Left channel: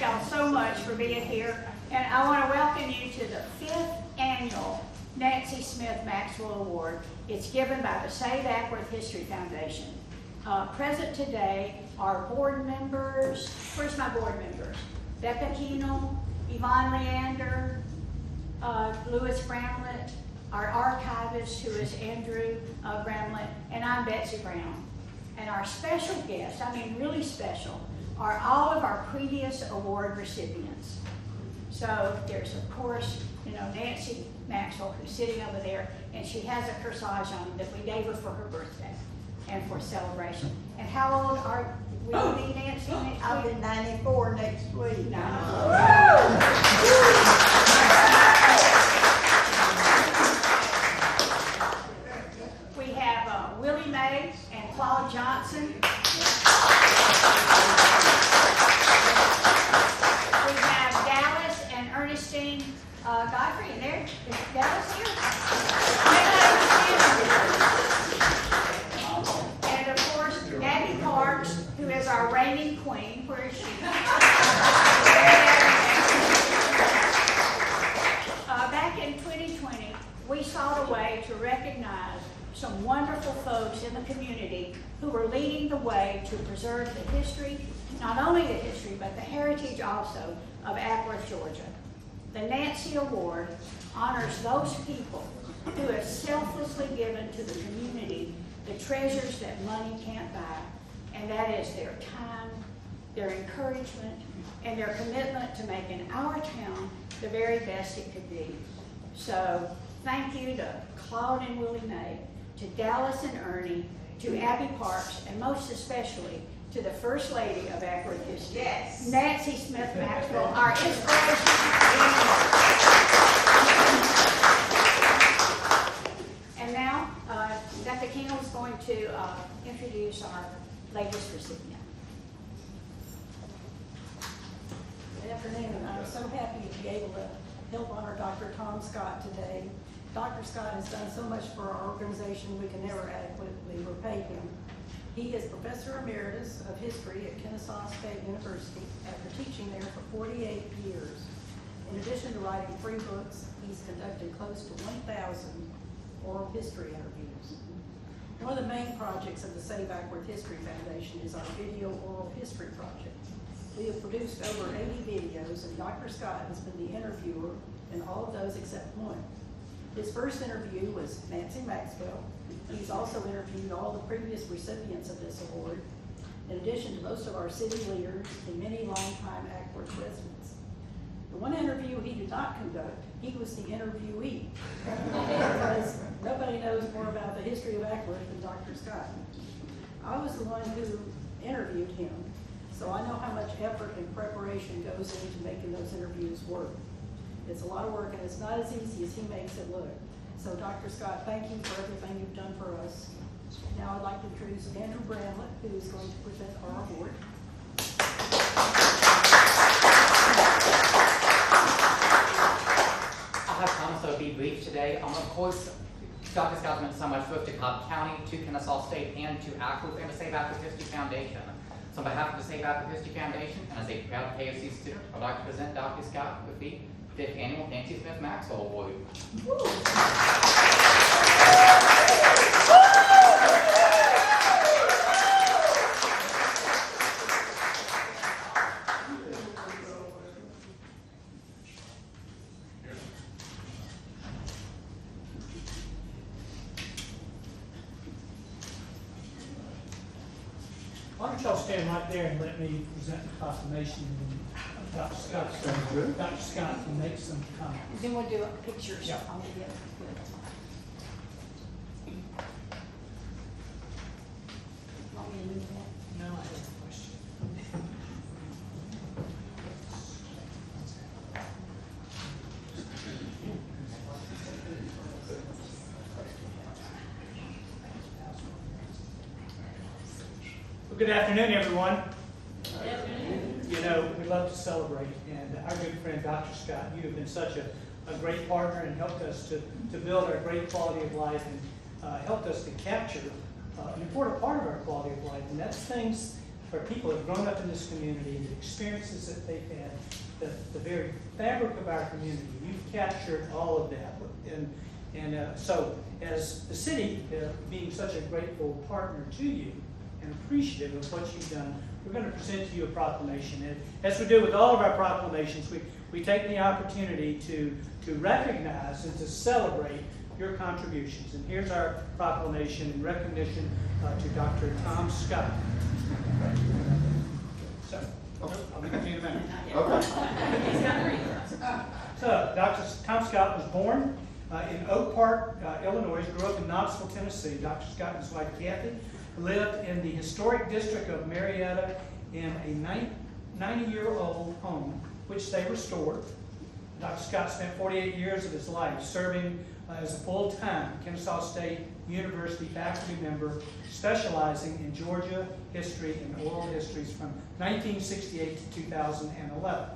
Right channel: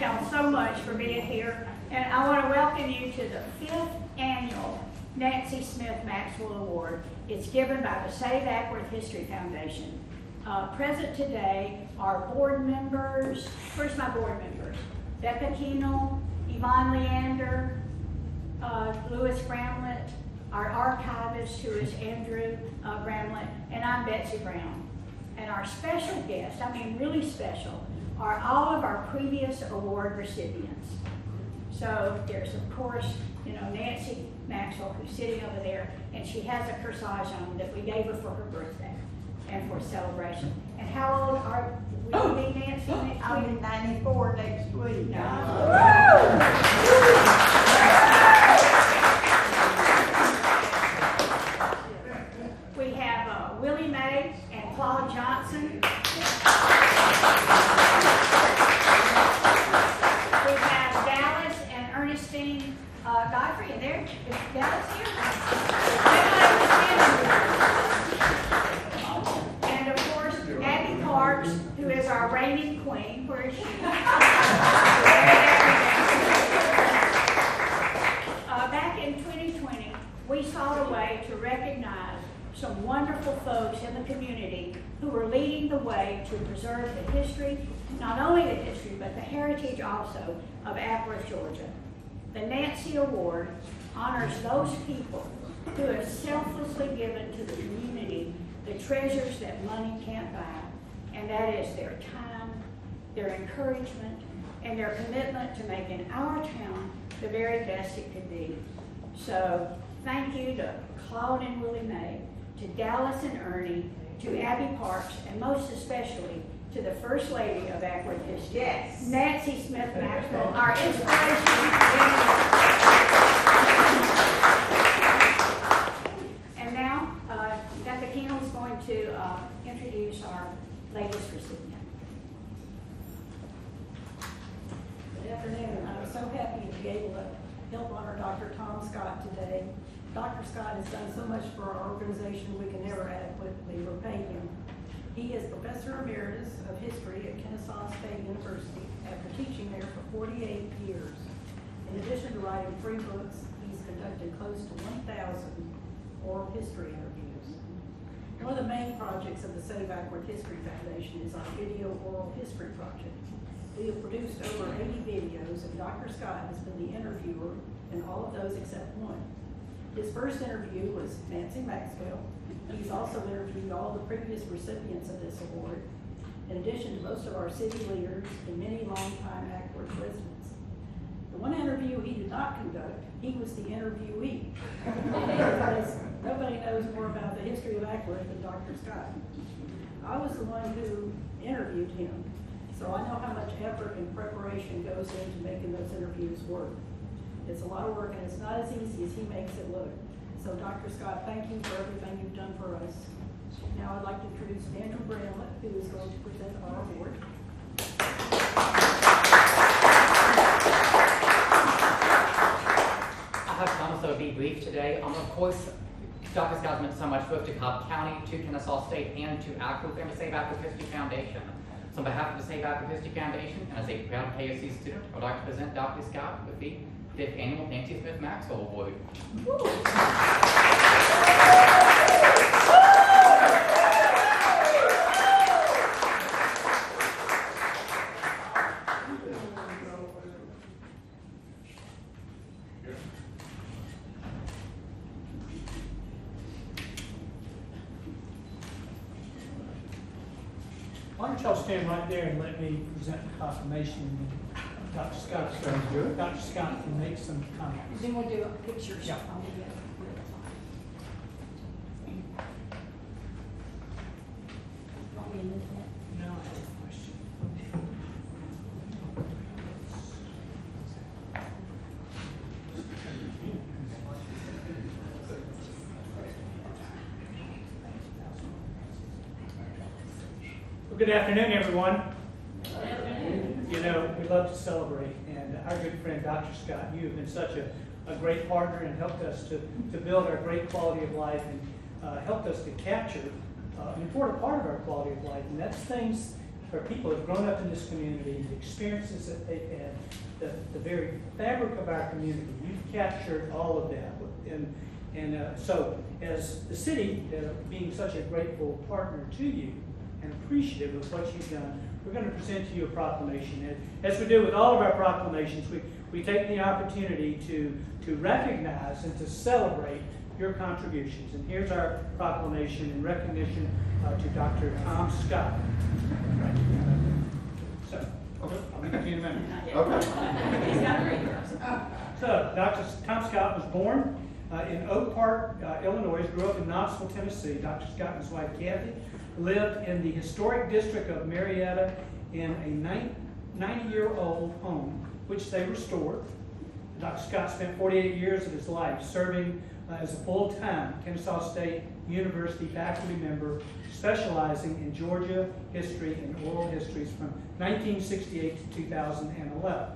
thank y'all so much for being here. And I want to welcome you to the 5th annual Nancy Smith Maxwell Award. It's given by the Save Ackworth History Foundation. Present today are board members. Where's my board members? Becca Keenel, Yvonne Leander, Louis Bramlett, our archivist, who is Andrew Bramlett, and I'm Betsy Brown. And our special guests, I mean really special, are all of our previous award recipients. So there's, of course, Nancy Maxwell, who's sitting over there, and she has a corsage on that we gave her for her birthday and for celebration. And how old are we, Nancy, next week? I'll be 94 next week. We have Willie Mae and Claude Johnson. We have Dallas and Ernestine Godfrey. And there, is Dallas here? And of course, Abby Parks, who is our reigning queen. Where is she? Back in 2020, we sought a way to recognize some wonderful folks in the community who are leading the way to preserve the history, not only the history, but the heritage also of Ackworth, Georgia. The Nancy Award honors those people who have selflessly given to the community the treasures that money can't buy, and that is their time, their encouragement, and their commitment to making our town the very best it could be. So thank you to Claude and Willie Mae, to Dallas and Ernie, to Abby Parks, and most especially to the First Lady of Ackworth History, Yes. Nancy Smith Maxwell, our inspiration. And now, Dr. Keenel is going to introduce our latest recipient. Good afternoon. I'm so happy to be able to help honor Dr. Tom Scott today. Dr. Scott has done so much for our organization we can never adequately repay him. He is Professor Emeritus of History at Kennesaw State University after teaching there for 48 years. In addition to writing 3 books, he's conducted close to 1,000 oral history interviews. One of the main projects of the Save Ackworth History Foundation is our Video Oral History Project. We have produced over 80 videos, and Dr. Scott has been the interviewer in all of those except one. His first interview was Nancy Maxwell. He's also interviewed all the previous recipients of this award, in addition to most of our city leaders and many longtime Ackworth residents. The one interview he did not conduct, he was the interviewee, because nobody knows more about the history of Ackworth than Dr. Scott. I was the one who interviewed him, so I know how much effort and preparation goes into making those interviews work. It's a lot of work, and it's not as easy as he makes it look. So Dr. Scott, thank you for everything you've done for us. Now I'd like to introduce Andrew Bramlett, who is going to present our award. I have promised I would be brief today. Of course, Dr. Scott's meant so much both to Cobb County, to Kennesaw State, and to Ackworth and the Save Ackworth History Foundation. So on behalf of the Save Ackworth History Foundation, and as a proud KSC student, I'd like to present Dr. Scott with the 5th Annual Nancy Smith Maxwell Award. Why don't y'all stand right there and let me present the proclamation, and Dr. Scott can make some comments. Then we'll do pictures. Yeah. on the end. Want me to move that? No, I have a question. Well, good afternoon, everyone. You know, we love to celebrate, and our good friend Dr. Scott, you have been such a great partner and helped us to build our great quality of life, and helped us to capture an important part of our quality of life, and that's things for people who've grown up in this community, the experiences that they've had, the very fabric of our community. You've captured all of that. So as the city, being such a grateful partner to you and appreciative of what you've done, we're going to present to you a proclamation. And as we do with all of our proclamations, we take the opportunity to recognize and to celebrate your contributions. And here's our proclamation in recognition to Dr. Tom Scott. So, I'll give it to you in a minute. Okay. So, Dr. Tom Scott was born in Oak Park, Illinois, grew up in Knoxville, Tennessee. Dr. Scott and his wife, Kathy, lived in the historic district of Marietta in a 90-year-old home, which they restored. Dr. Scott spent 48 years of his life serving as a full-time Kennesaw State University faculty member, specializing in Georgia history and oral histories from 1968 to 2011.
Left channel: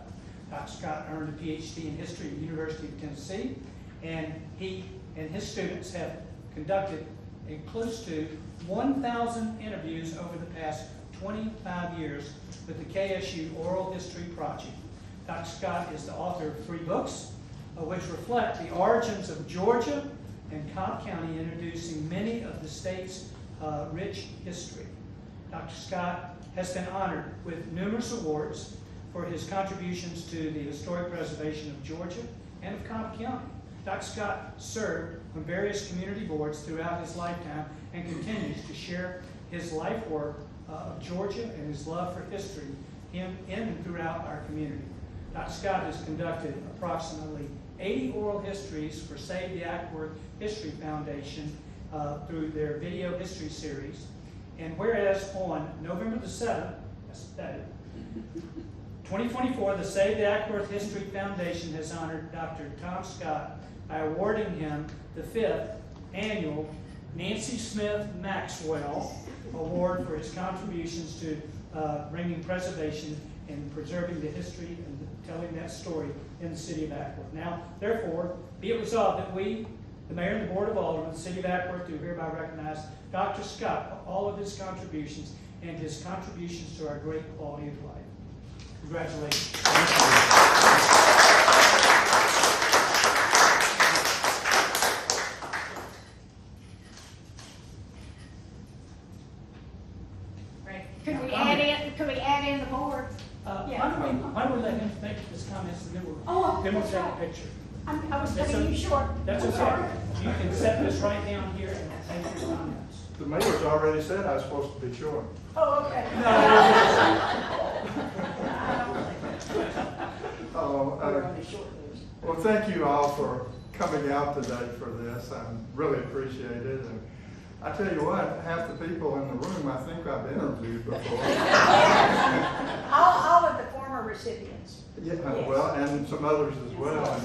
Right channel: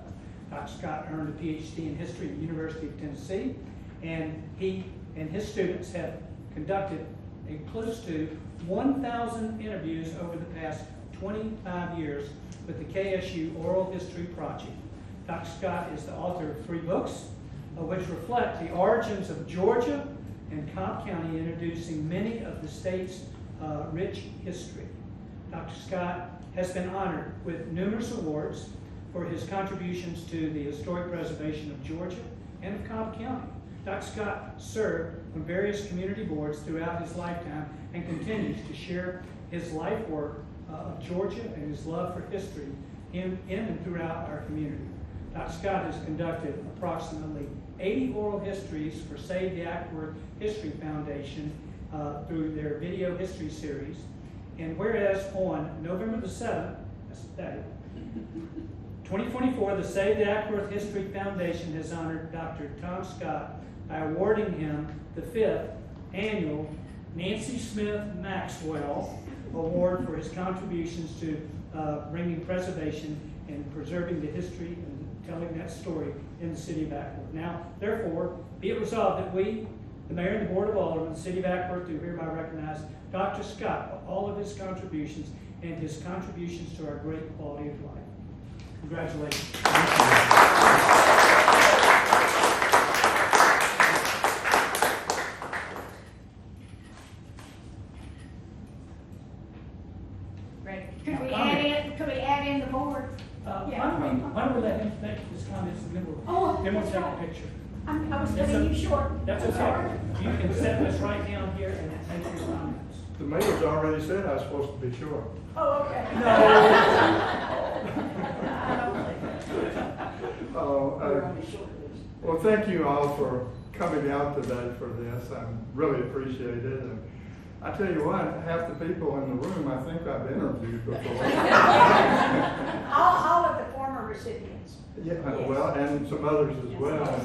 Dr. Scott earned a PhD in history at the University of Tennessee, and he and his students have conducted close to 1,000 interviews over the past 25 years with the KSU Oral History Project. Dr. Scott is the author of 3 books, which reflect the origins of Georgia and Cobb County, introducing many of the state's rich history. Dr. Scott has been honored with numerous awards for his contributions to the historic preservation of Georgia and of Cobb County. Dr. Scott served on various community boards throughout his lifetime and continues to share his life work of Georgia and his love for history in and throughout our community. Dr. Scott has conducted approximately 80 oral histories for Save the Ackworth History Foundation through their video history series. And whereas on November the 7th, that's today, 2024, the Save the Ackworth History Foundation has honored Dr. Tom Scott by awarding him the 5th annual Nancy Smith Maxwell Award for his contributions to bringing preservation and preserving the history and telling that story in the city of Ackworth. Now, therefore, be it resolved that we, the Mayor and the Board of Aldermen of the city of Ackworth, do hereby recognize Dr. Scott for all of his contributions and his contributions to our great quality of life. Congratulations. Could we add in the board? Why don't we let him make his comments and then we'll that's take a right. picture. I was cutting you short. That's I'm okay. sorry. You can set this right down here and make your comments. The mayor's already said I was supposed to be short. Oh, okay. No. Well, thank you all for coming out today for this. I really appreciate it. And I tell you what, half the people in the room I think I've interviewed before. All of the former recipients. Yeah, well, and some others as well.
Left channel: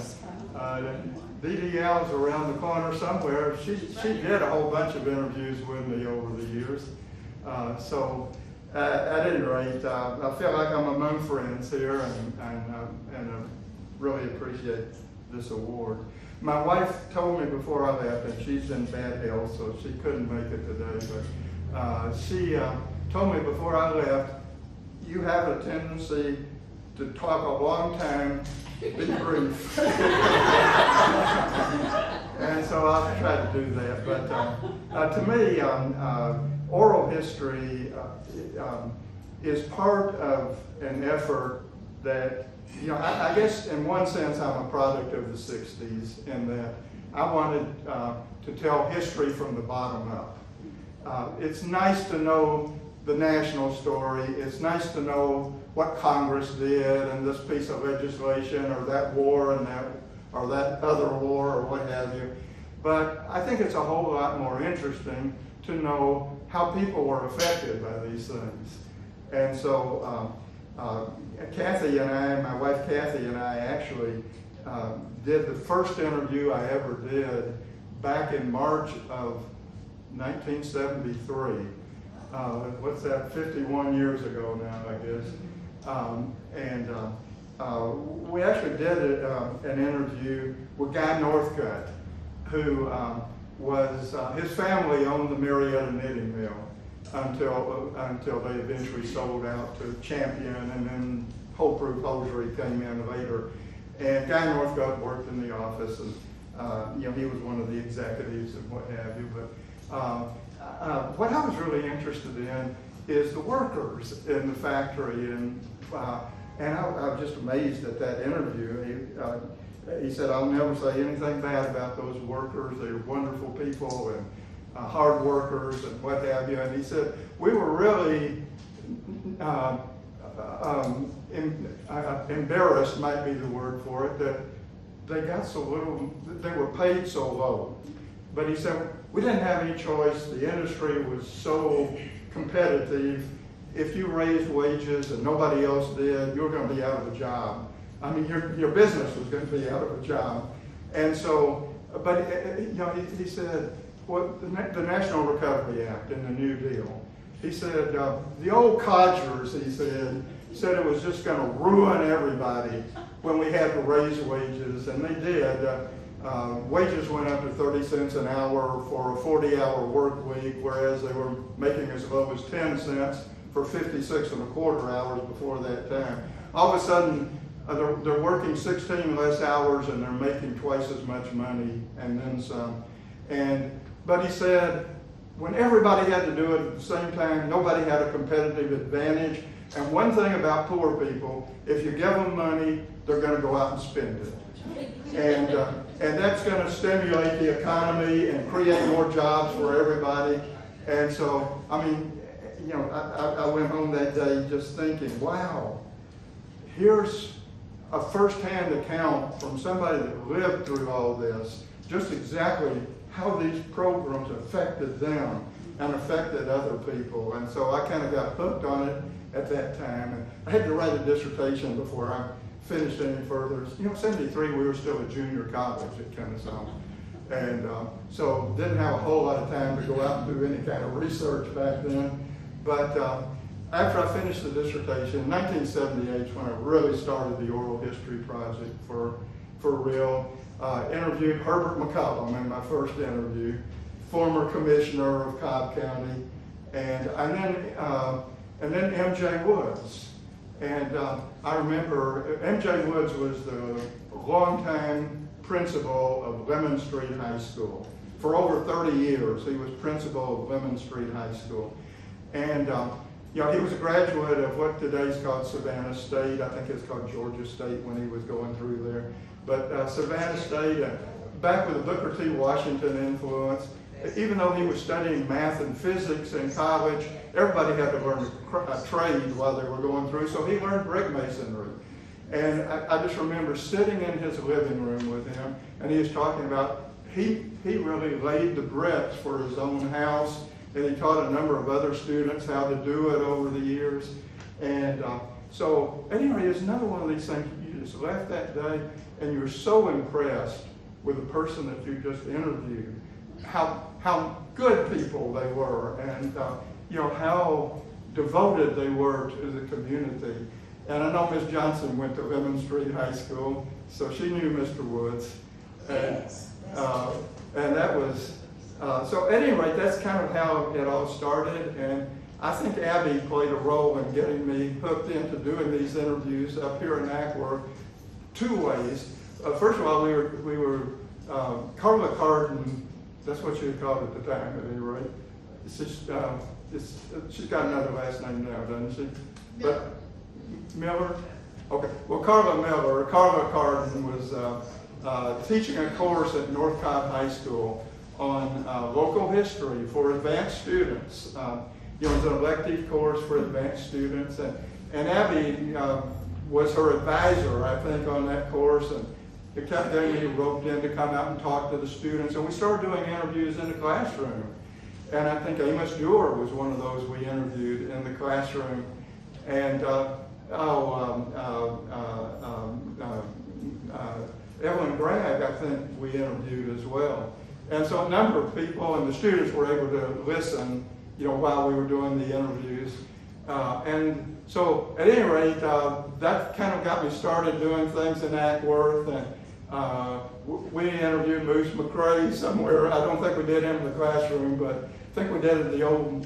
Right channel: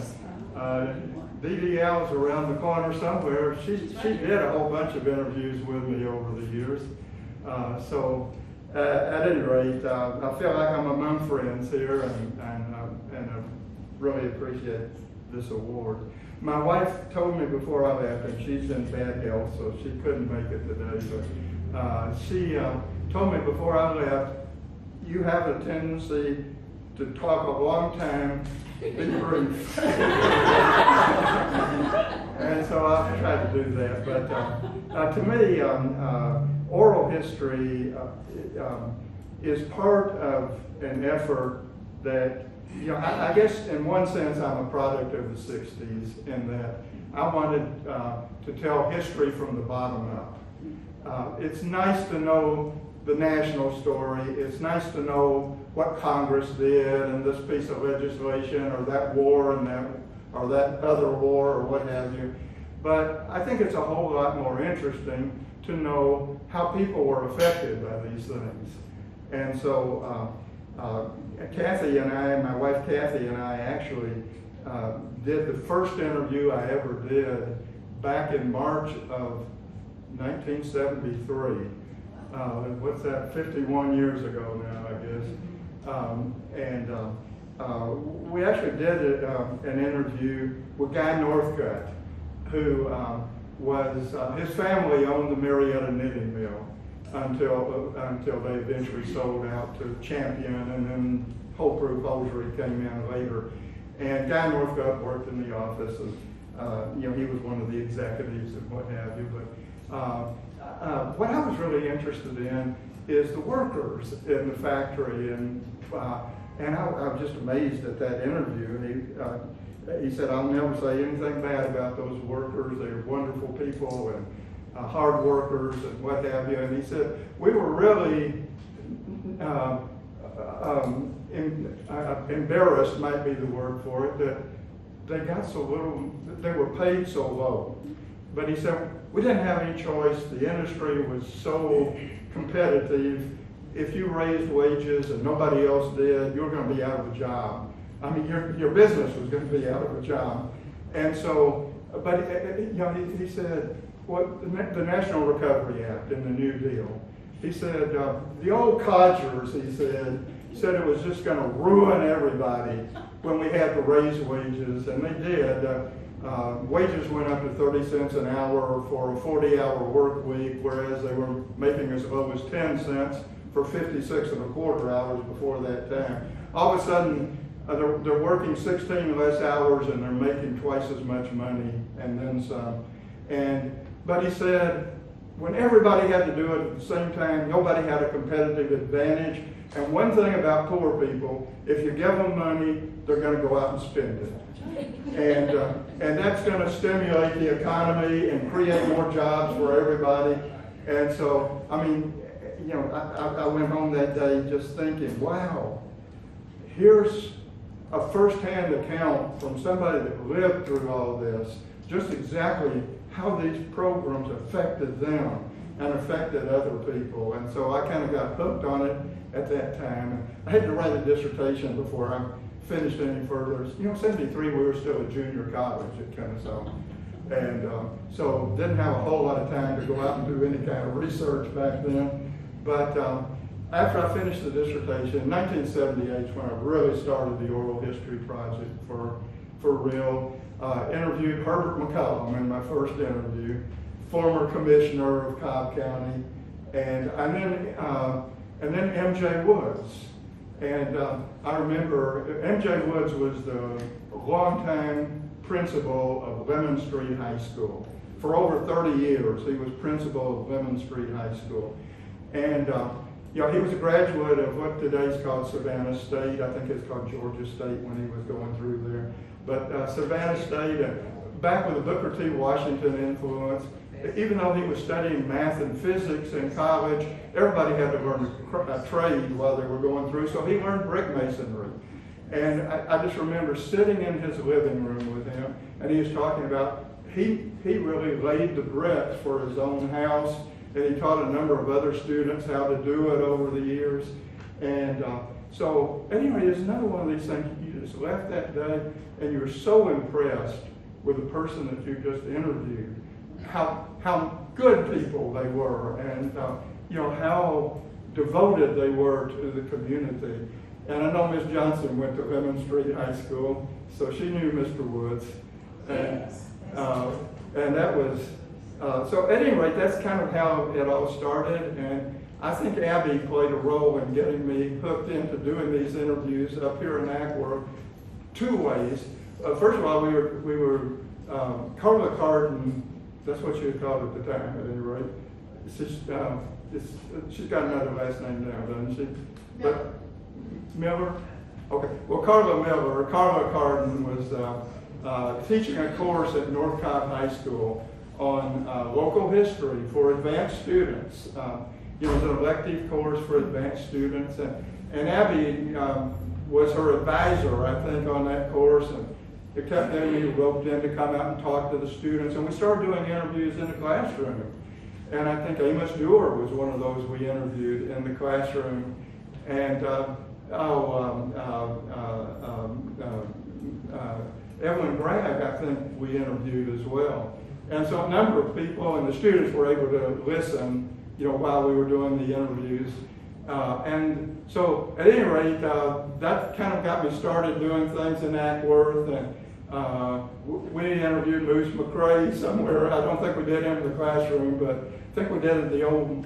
Dee Dee Al's around the corner somewhere. She did a whole bunch of interviews with me over the years. So at any rate, I feel like I'm among friends here, and I really appreciate this award. My wife told me before I left, and she's in bad health, so she couldn't make it today, but she told me before I left, you have a tendency to talk a long time, be brief. And so I'll try to do that. But to me, oral history is part of an effort that, you know, I guess in one sense I'm a product of the 60s in that I wanted to tell history from the bottom up. It's nice to know the national story. It's nice to know what Congress did and this piece of legislation or that war and that other war or what have you. But I think it's a whole lot more interesting to know how people were affected by these things. And so Kathy and I, my wife Kathy and I actually did the first interview I ever did back in March of 1973. What's that, 51 years ago now, I guess. We actually did an interview with Guy Northcutt, who was, his family owned the Marietta Knitting Mill. until they eventually sold out to Champion, and then Whole Proof Hosiery came in later. And Guy Northcutt worked in the office, and he was one of the executives and what have you. But what I was really interested in is the workers in the factory, and I was just amazed at that interview. He said, "I'll never say anything bad about those workers. They're wonderful people and hard workers and what have you." And he said, "We were really embarrassed, might be the word for it, that they got so little, they were paid so low." But he said, "We didn't have any choice. The industry was so competitive. If you raised wages and nobody else did, you were going to be out of a job. I mean, your business was going to be out of a job." And so, but he said, "What the National Recovery Act and the New Deal," he said, "the old codgers," he said it was just going to ruin everybody when we had to raise wages, and they did. Wages went up to 30 cents an hour for a 40-hour work week, whereas they were making as low as 10 cents for 56 and a quarter hours before that time. All of a sudden, they're working 16 less hours and they're making twice as much money and then some. But he said, when everybody had to do it at the same time, nobody had a competitive advantage. And one thing about poor people, if you give them money, they're going to go out and spend it. And that's going to stimulate the economy and create more jobs for everybody. And so, I mean, I went home that day just thinking, wow, here's a first-hand account from somebody that lived through all this, just exactly how these programs affected them and affected other people. And so I kind of got hooked on it at that time. And I had to write a dissertation before I finished any further. 73, we were still at junior college at Kennesaw. And so didn't have a whole lot of time to go out and do any kind of research back then. But after I finished the dissertation, 1978 is when I really started the oral history project for real. Interviewed Herbert McCollum in my first interview, former commissioner of Cobb County, and then M.J. Woods. And I remember M.J. Woods was the longtime principal of Lemon Street High School. For over 30 years, he was principal of Lemon Street High School. And he was a graduate of what today's called Savannah State. I think it's called Georgia State when he was going through there. But Savannah State, back with the Booker T. Washington influence, even though he was studying math and physics in college, everybody had to learn a trade while they were going through, so he learned brick masonry. And I just remember sitting in his living room with him, and he was talking about, he really laid the bricks for his own house, and he taught a number of other students how to do it over the years. And so anyway, it's another one of these things, you just left that day, and you're so impressed with the person that you just interviewed, how good people they were, and how devoted they were to the community. And I know Miss Johnson went to Lemon Street High School, so she knew Mr. Woods. And, and that was, so at any rate, that's kind of how it all started. And I think Abby played a role in getting me hooked into doing these interviews up here in Ackworth two ways. First of all, we were Carla Carden, that's what she was called at the time at any rate. She's got another last name now, doesn't she? But Miller? Okay, well, Carla Carden was teaching a course at North Cobb High School on local history for advanced students. It was an elective course for advanced students, and Abby was her advisor, I think, on that course, and it kept getting me roped in to come out and talk to the students, and we started doing interviews in the classroom. And I think Amos Dewar was one of those we interviewed in the classroom, and Evelyn Bragg, I think we interviewed as well. And so a number of people, and the students were able to listen, while we were doing the interviews. And so at any rate, that kind of got me started doing things in Ackworth. And We interviewed Moose McCrae somewhere. I don't think we did him in the classroom, but I think we did it at the old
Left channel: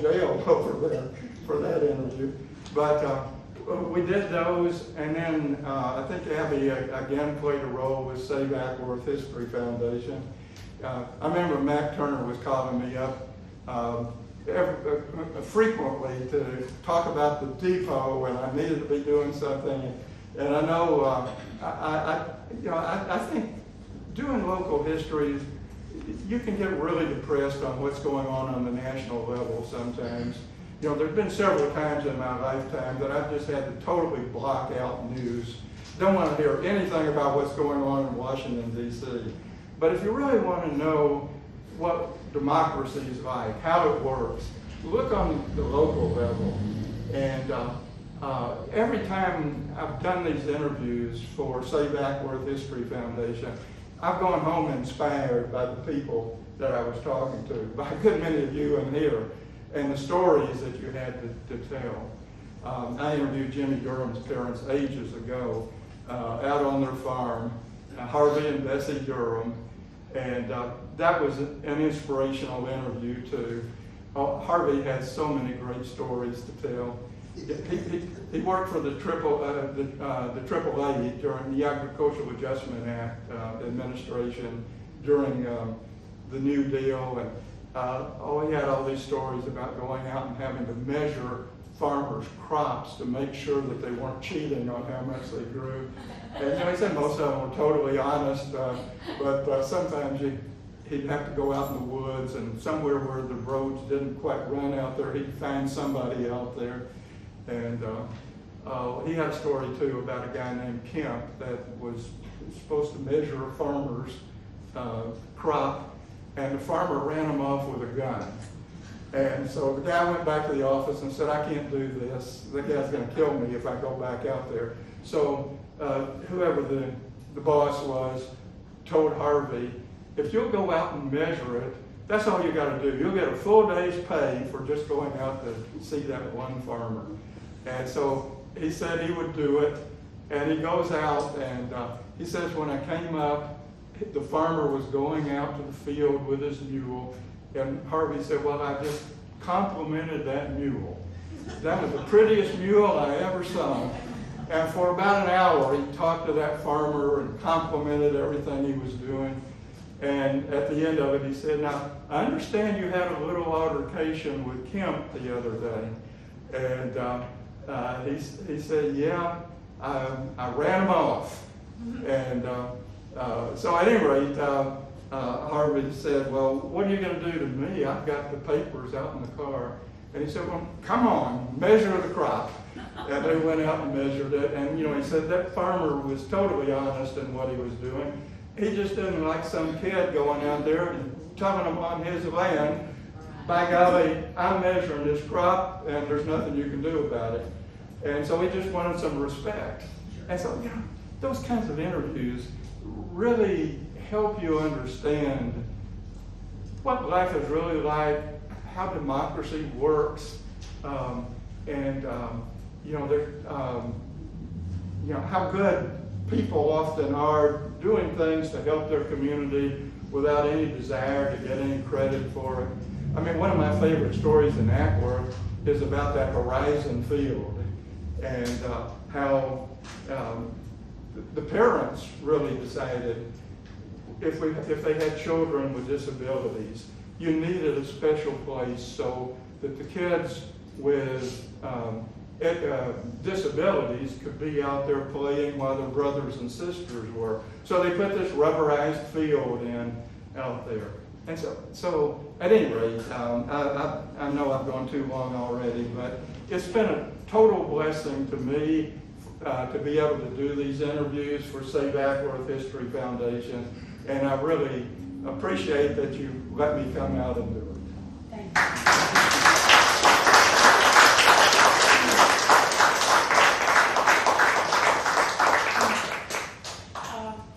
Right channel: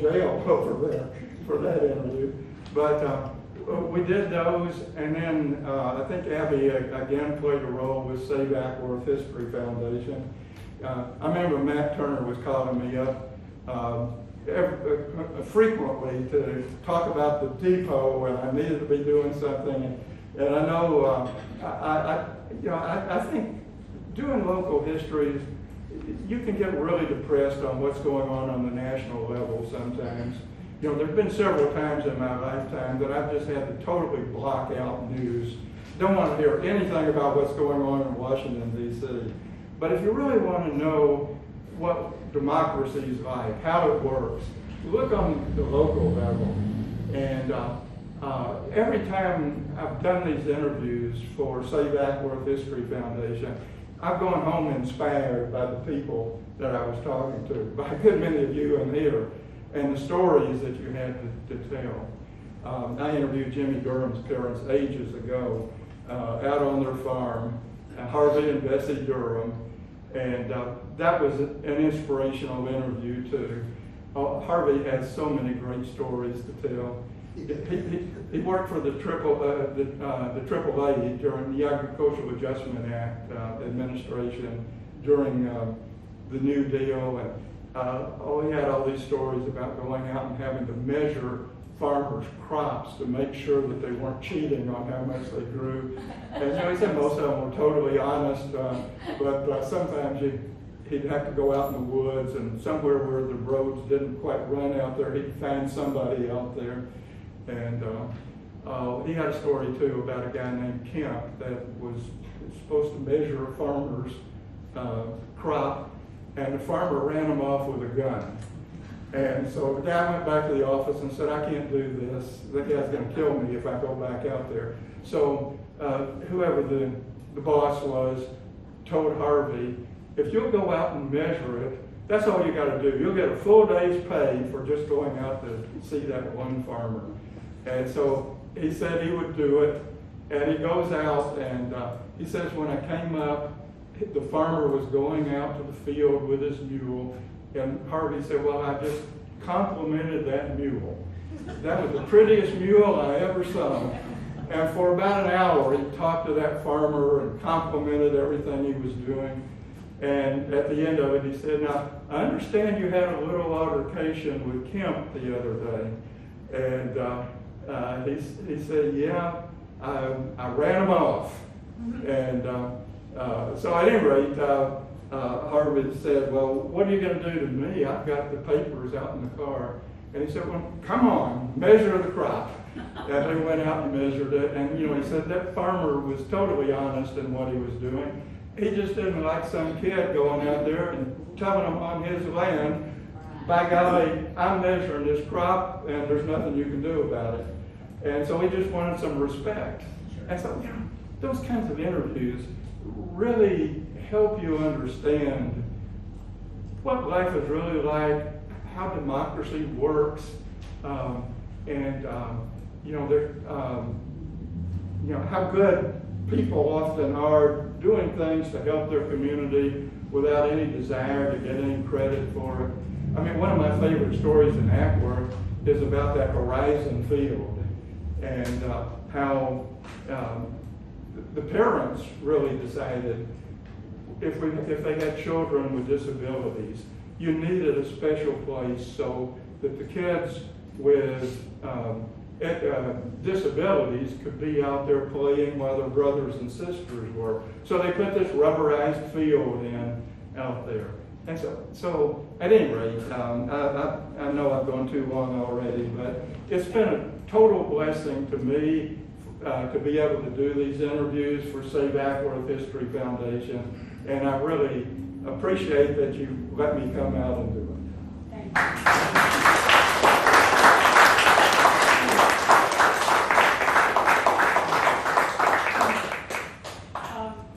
jail over there for that interview. But we did those, and then I think Abby again played a role with Save Ackworth History Foundation. I remember Matt Turner was calling me up frequently to talk about the depot when I needed to be doing something, and I know I think doing local history, you can get really depressed on what's going on the national level sometimes. You know, there's been several times in my lifetime that I've just had to totally block out news. Don't want to hear anything about what's going on in Washington, D.C. But if you really want to know what democracy is like, how it works, look on the local level. And every time I've done these interviews for Save Ackworth History Foundation, I've gone home inspired by the people that I was talking to, by a good many of you in here, and the stories that you had to tell. I interviewed Jimmy Durham's parents ages ago out on their farm, Harvey and Bessie Durham, and that was an inspirational interview too. Harvey has so many great stories to tell. He worked for the AAA during the Agricultural Adjustment Act administration during the New Deal, and he had all these stories about going out and having to measure farmers' crops to make sure that they weren't cheating on how much they grew. And you know, he said most of them were totally honest, but sometimes he'd have to go out in the woods, and somewhere where the roads didn't quite run out there, he'd find somebody out there. And he had a story too about a guy named Kemp that was supposed to measure a farmer's crop, and the farmer ran him off with a gun. And so the guy went back to the office and said, I can't do this. The guy's going to kill me if I go back out there. So whoever the boss was told Harvey, if you'll go out and measure it, that's all you got to do. You'll get a full day's pay for just going out to see that one farmer. And so he said he would do it, and he goes out, and he says when I came up, the farmer was going out to the field with his mule, and Harvey said, well, I just complimented that mule. That was the prettiest mule I ever saw. And for about an hour, he talked to that farmer and complimented everything he was doing. And at the end of it, he said, now, I understand you had a little altercation with Kemp the other day. And he said, yeah, I ran him off. And so at any rate, Harvey said, well, what are you going to do to me? I've got the papers out in the car. And he said, well, come on, measure the crop. And they went out and measured it. And, you know, he said that farmer was totally honest in what he was doing. He just didn't like some kid going out there and telling him on his land, by golly, I'm measuring this crop and there's nothing you can do about it. And so he just wanted some respect. And so, you know, those kinds of interviews really help you understand what life is really like, how democracy works, how good people often are doing things to help their community without any desire to get any credit for it. I mean, one of my favorite stories in Ackworth is about that Horizon field and how the parents really decided if they had children with disabilities, you needed a special place so that the kids with disabilities could be out there playing while their brothers and sisters were. So they put this rubberized field out there. And so at any rate, I know I've gone too long already, but it's been a total blessing to me to be able to do these interviews for Save Ackworth History Foundation. And I really appreciate that you let me come out and do it.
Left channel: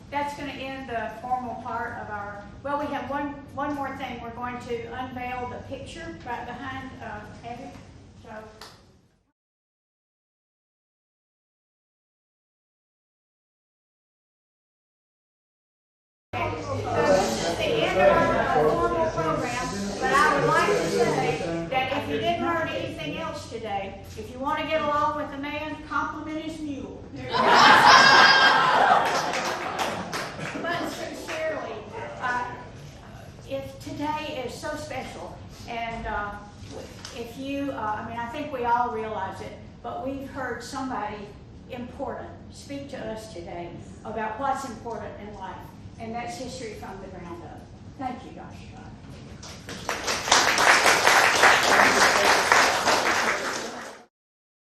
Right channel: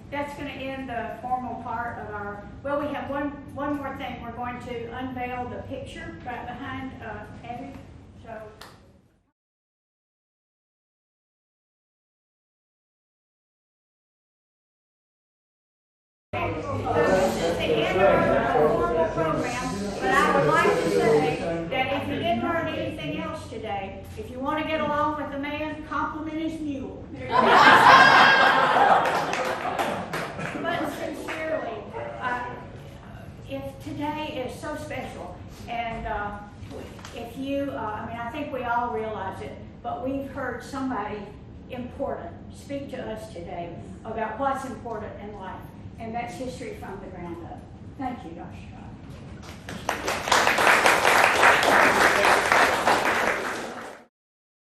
That's going to end the formal part of our, well, we have one more thing. We're going to unveil the picture right behind Abby. So. didn't learn anything else today, if you want to get along with the man, compliment his mule. But sincerely, if today is so special, and if you, I think we all realize it, but we've heard somebody important speak to us today about what's important in life, and that's history from the ground up. Thank you, Dr. Scott.